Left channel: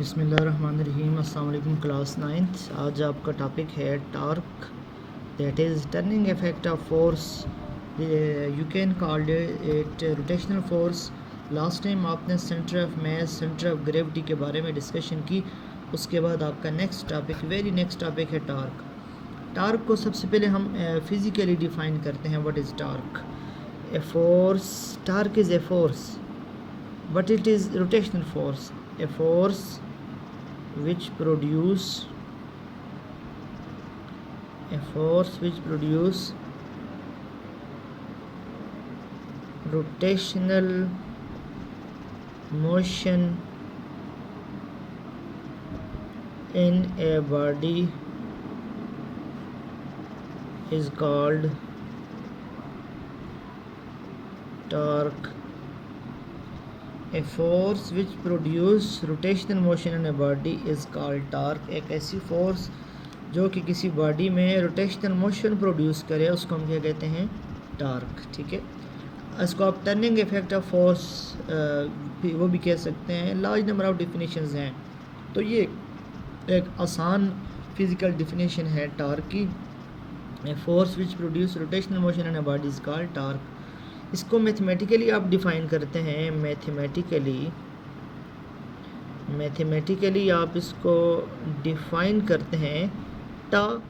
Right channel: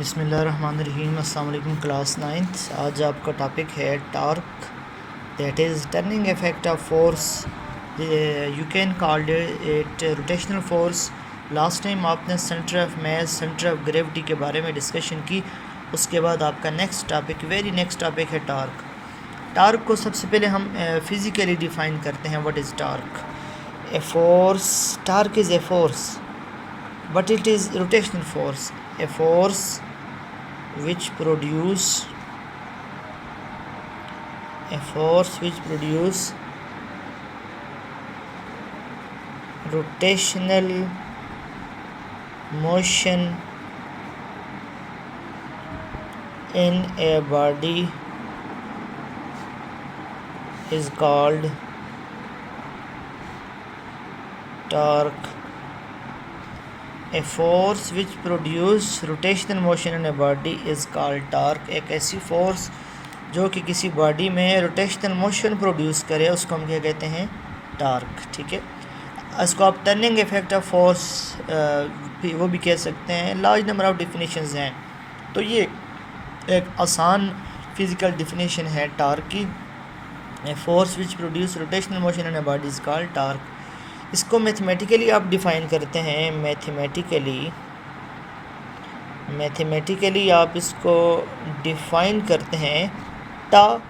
बिस्मिल्लाहिर्रहमानिर्रहीम। अस्सलाम वालेकुम क्लास 9th। आज आपका टॉपिक है torque, that is turning effect of force. You can called it rotational force. Last time आपने centre of mass, centre of gravity के बारे में डिस्कशन की। उसके बाद आपका next topic, very next topic है टॉर्क। टॉर्क को सबसे पहले हम फिज़िकली डिफ़ाइन करते हैं। What is torque? A force. Torque is a force but it is rotational force. A force which produce rotational motion in a body is called torque. A force which produce rotational motion in a body is called torque. एक ऐसी force जो कि किसी body में rotational motion produce करे उसको हम क्या कहते हैं? टॉर्क। ठीक है, इसको आप टर्निंग इफेक्ट ऑफ फोर्स वो भी कह सकते हैं। लार्ज नंबर ऑफ डिफिनेशंस हैं, तो ये एक आसान फिज़िकल डिफिनेशन है टॉर्क की। A force which produce rotational motion in a body is called torque. इसको मैथमेटिकली आप डिफ़ाइन करते हैं। मैथमेटिकली आप इसको डिफ़ाइन करते हैं। टा,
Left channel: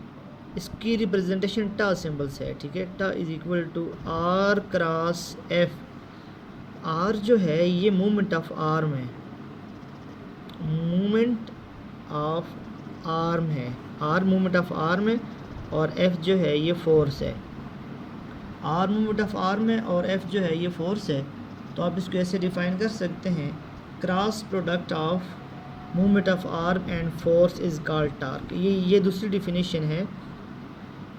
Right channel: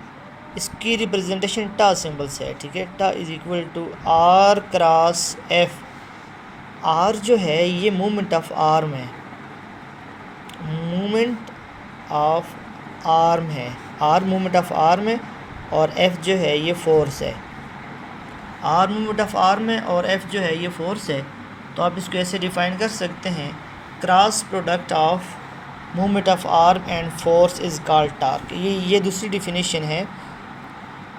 इसकी रिप्रेजेंटेशन टा सिंबल से है। ठीक है, tau is equal to R cross F. R जो है ये मूवमेंट ऑफ आर्म है, मूवमेंट ऑफ आर्म है। आर मूवमेंट ऑफ आर्म है और एफ जो है ये फोर्स है। आर मूवमेंट ऑफ आर्म है और एफ जो है ये फोर्स है। तो आप इसको ऐसे डिफ़ाइन कर सकते हैं, cross product of movement of arm and force is called torque. ये दूसरी डिफिनीशन है।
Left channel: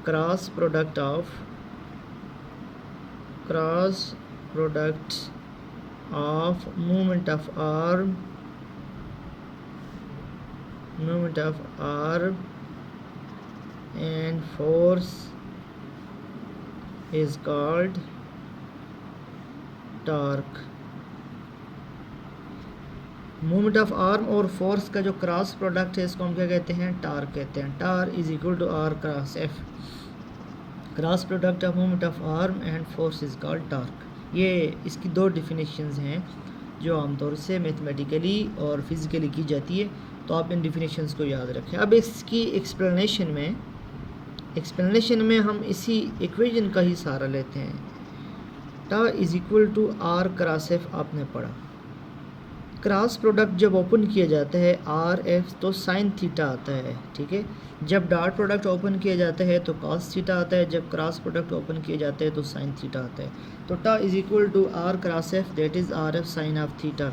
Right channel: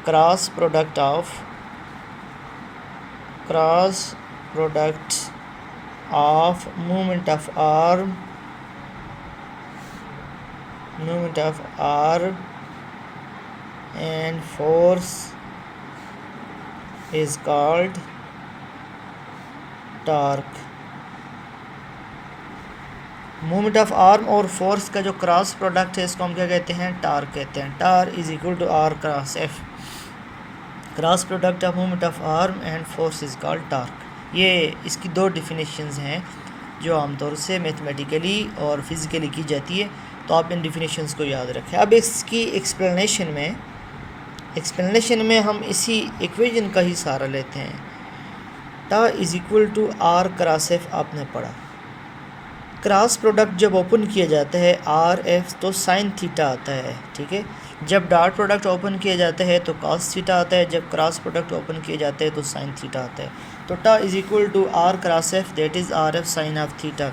Cross product of movement of arm and force is called torque. Movement of arm और फोर्स का जो क्रॉस प्रोडक्ट है इसको हम क्या कहते हैं? टॉर्क कहते हैं। Torque is equal to R cross F. Cross product of movement of arm and force is called torque. ये इसकी दो डिफिनेशंस हैं जो आमतौर से मैथमेटिकली और फिज़िकली की जाती है, तो आप इन डिफिनेशंस को याद रखें। अब इसकी एक्सप्लेनेशन में हम इसी इक्वेशन का ही सहारा लेते हैं। Tau is equal to R cross F आपने पढ़ा। क्रॉस प्रोडक्ट जब ओपन किया जाता है आर एफ तो साइन थीटा आता है। ठीक है, जब डॉट प्रोडक्ट ओपन किया जाता है तो कॉस थीटा आता है, जब क्रॉस प्रोडक्ट ओपन किए जाते हैं तो साइन थीटा आता है। तो tau is equal to R cross F, that is R F sine of theta.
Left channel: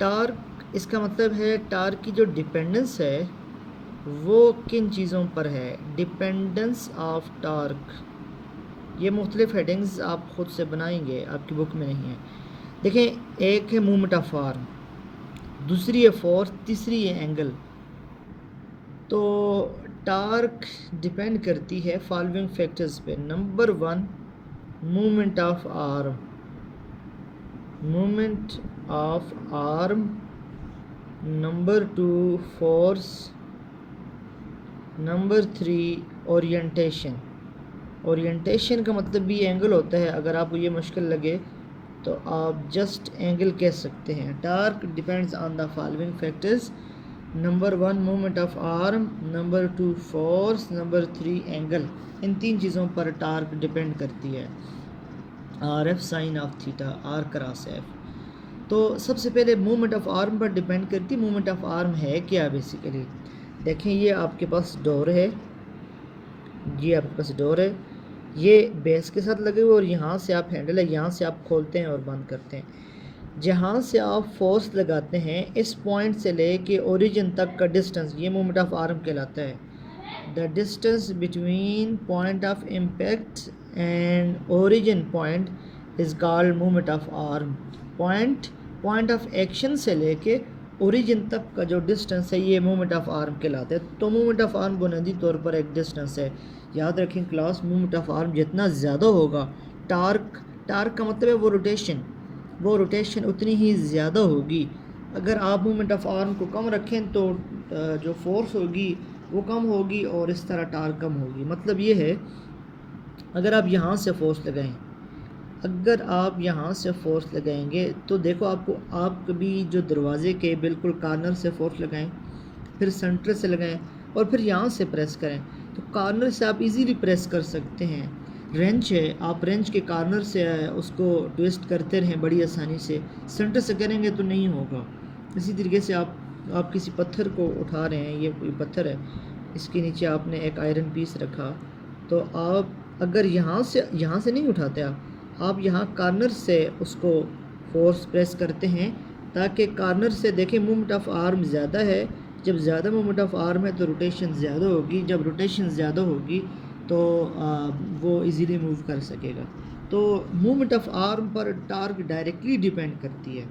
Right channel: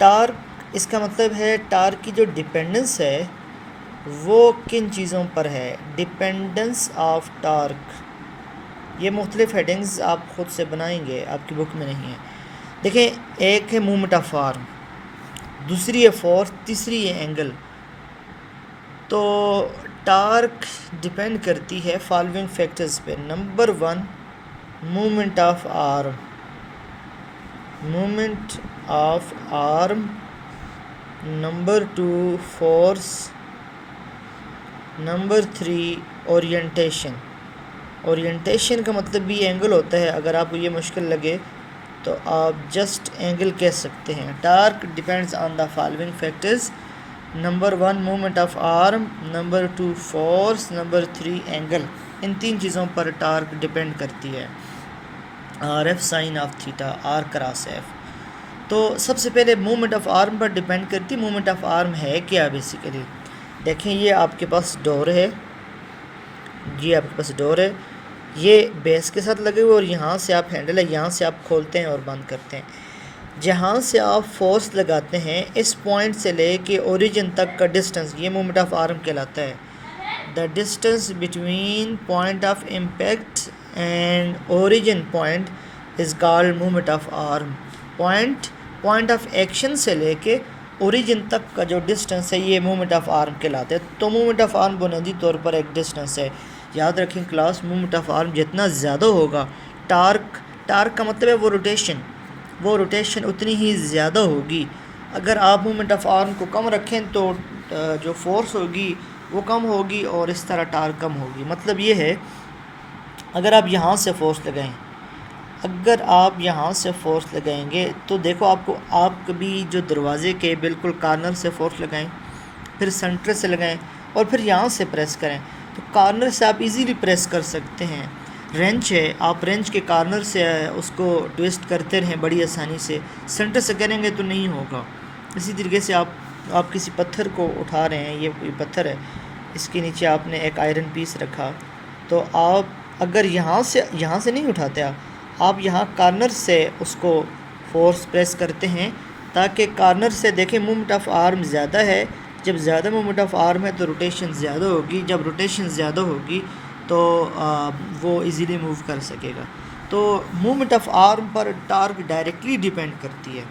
Torque, इसका मतलब है टार्क की जो डिपेंडेंस है वो किन चीज़ों पर है? Dependence of torque. ये मुख्तलिफ हेडिंग्स आप ख़ुद से बनाएंगे, आपकी बुक में नहीं है। देखें, एक है मूवमेंट ऑफ आर्म, दूसरी है फोर्स, तीसरी है एंगल। तो टार्क डिपेंड करती है फॉलोइंग फैक्टर्स पे। Number 1 movement of arm, number 2 force, number 3 orientation का मतलब भी एंगल होता है। अगर आपको ये मुश्किल लगे तो आप जस्ट एंगल कह सकते हैं। Torque depends on the following factors. Number 1 movement of arm, number 2 force, number 3 angle. इन तीन चीज़ों पर टार्क डिपेंड करती है। R F sine of theta, r cross f. तो सबसे पहले मूवमेंट ऑफ आर्म पर डिपेंड करती। मूवमेंट ऑफ आर्म है क्या? बेसिकली देखें, ये आपके पास डोर है, ये बेस के साथ लगे हुए और यहाँ से आप हैंडल है, यहाँ से आप खोलते हैं और बंद करते हैं। जहाँ से आप फोर्स लगाते हैं इस पॉइंट से ले के ओरिजिन तक का डिस्टेंस ये मूवमेंट ऑफ आर्म कहलाता है। The distance between point of impact and origin point is called movement of arm. Point of action से लेके ओरिजिन तक का जो डिस्टेंस है ये मूवमेंट ऑफ आर्म कहलाते हैं। तो मूवमेंट ऑफ आर्म बुनियादी तौर पर एक डिस्टेंस है। याद रखें क्लास, मूवमेंट ऑफ आर्म जितना ज़्यादा होगा, टार्क का मतलब है वो रोटेशन उतनी ही ज़्यादा होगी अगर आप मोमेंट ऑफ आर्म को कम रखें तो जो फोर्स होगी वो कम होगी और इस तरह टार्क कम होगी। मतलब ये है, अगर आप यहाँ से फोर्स लगाएं, अगर आप यहाँ से फोर्स लगाएंगे तो देखो आप कभी जो दरवाज़े के बिल्कुल कॉर्नर से फोर्स लगाएं, फिर सेंटर से लगाएं और फिर यहाँ से प्रेस करें, तो कॉर्नर से आप इजीली प्रेस कर सकते हैं। रेंच है, आप रेंच के कॉर्नर से उसको ट्विस्ट करते रहें बड़ी आसानी से, सेंटर से करेंगे तो नहीं होगा। इसी तरीके से आप किसी पत्थर को उठा रहे हैं, ये कोई पत्थर है, इसके नीचे आपने एक आयरन पीस रखा, तो आप अगर यहाँ से नहीं उठाते, आप यहाँ कॉर्नर से उसको फोर्स प्रेस करते हैं ताकि कॉर्नर से देखें मूवमेंट ऑफ आर्म ज़्यादा है। जब ज़्यादा मूवमेंट ऑफ आर्म है तो रोटेशन ज़्यादा होगी, जब रोटेशन ज़्यादा होगी तो वो इजीली मूव कर सकेगा। तो मूवमेंट ऑफ आर्म पर टार्क डायरेक्टली डिपेंड करती है,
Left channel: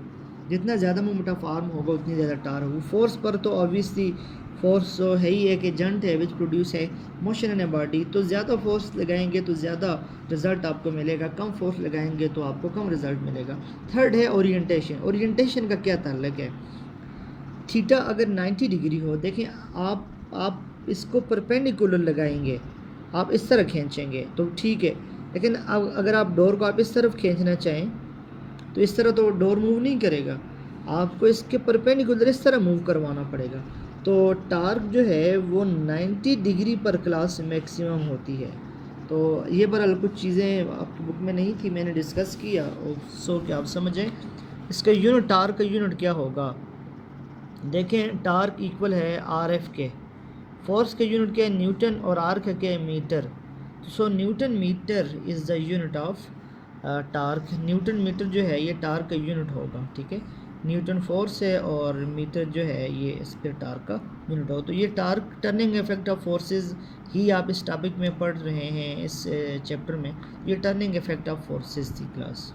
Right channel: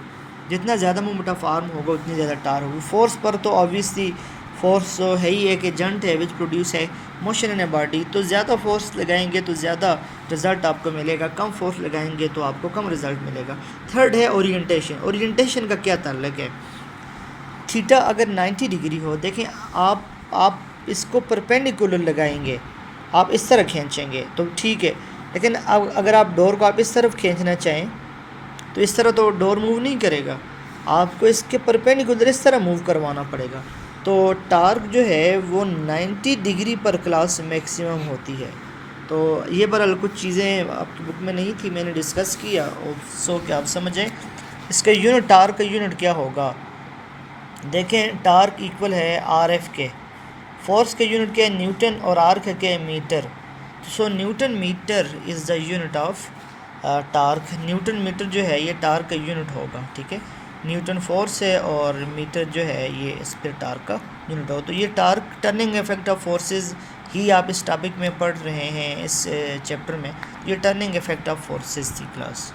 जितना ज़्यादा मूवमेंट ऑफ आर्म होगा उतनी ज़्यादा टार्क होगी। फोर्स पर तो ऑब्वियसली फोर्स तो है ही, एक एजेंट है विच प्रोड्यूस है मोशन इन ए बॉडी, तो ज़्यादा फोर्स लगाएंगे तो ज़्यादा रिज़ल्ट आपको मिलेगा, कम फोर्स लगाएंगे तो आपको कम रिज़ल्ट मिलेगा। थर्ड है ओरिएंटेशन। ओरिएंटेशन का क्या ताल्लुक है? थीटा अगर 90 डिग्री हो, देखें आप इसको परपेंडिकुलर लगाएंगे, आप इस तरह खींचेंगे तो ठीक है, लेकिन अब अगर आप डोर को आप इस तरफ खींचना चाहें तो इस तरह तो डोर मूव नहीं करेगा, आपको इसके परपेंडिकुलर इस तरह मूव करवाना पड़ेगा। तो टार्क जो है वो 90 डिग्री पर क्लास मैक्सिमम होती है। तो ये बहरहाल कुछ चीज़ें आपकी बुक में नहीं थी, मैंने डिस्कस किया और सो कि आप समझें। इसका यूनिट, टार्क का यूनिट क्या होगा? देखें, टार्क इक्वल है RF के। फोर्स का यूनिट क्या है? न्यूटन, और आर का क्या है? Metre. So newton metre is the unit of torque. Newton metre जो है ये टार्क का यूनिट होगा, ठीक है। न्यूटन फोर्स है और मीटर जो है ये इस पर टार्क का यूनिट हो। तो ये torque turning effect of forces ही आप इस टॉपिक में पढ़ रहे हैं, इस चैप्टर में। ये टर्निंग इफेक्ट ऑफ फोर्सेस थी क्लास।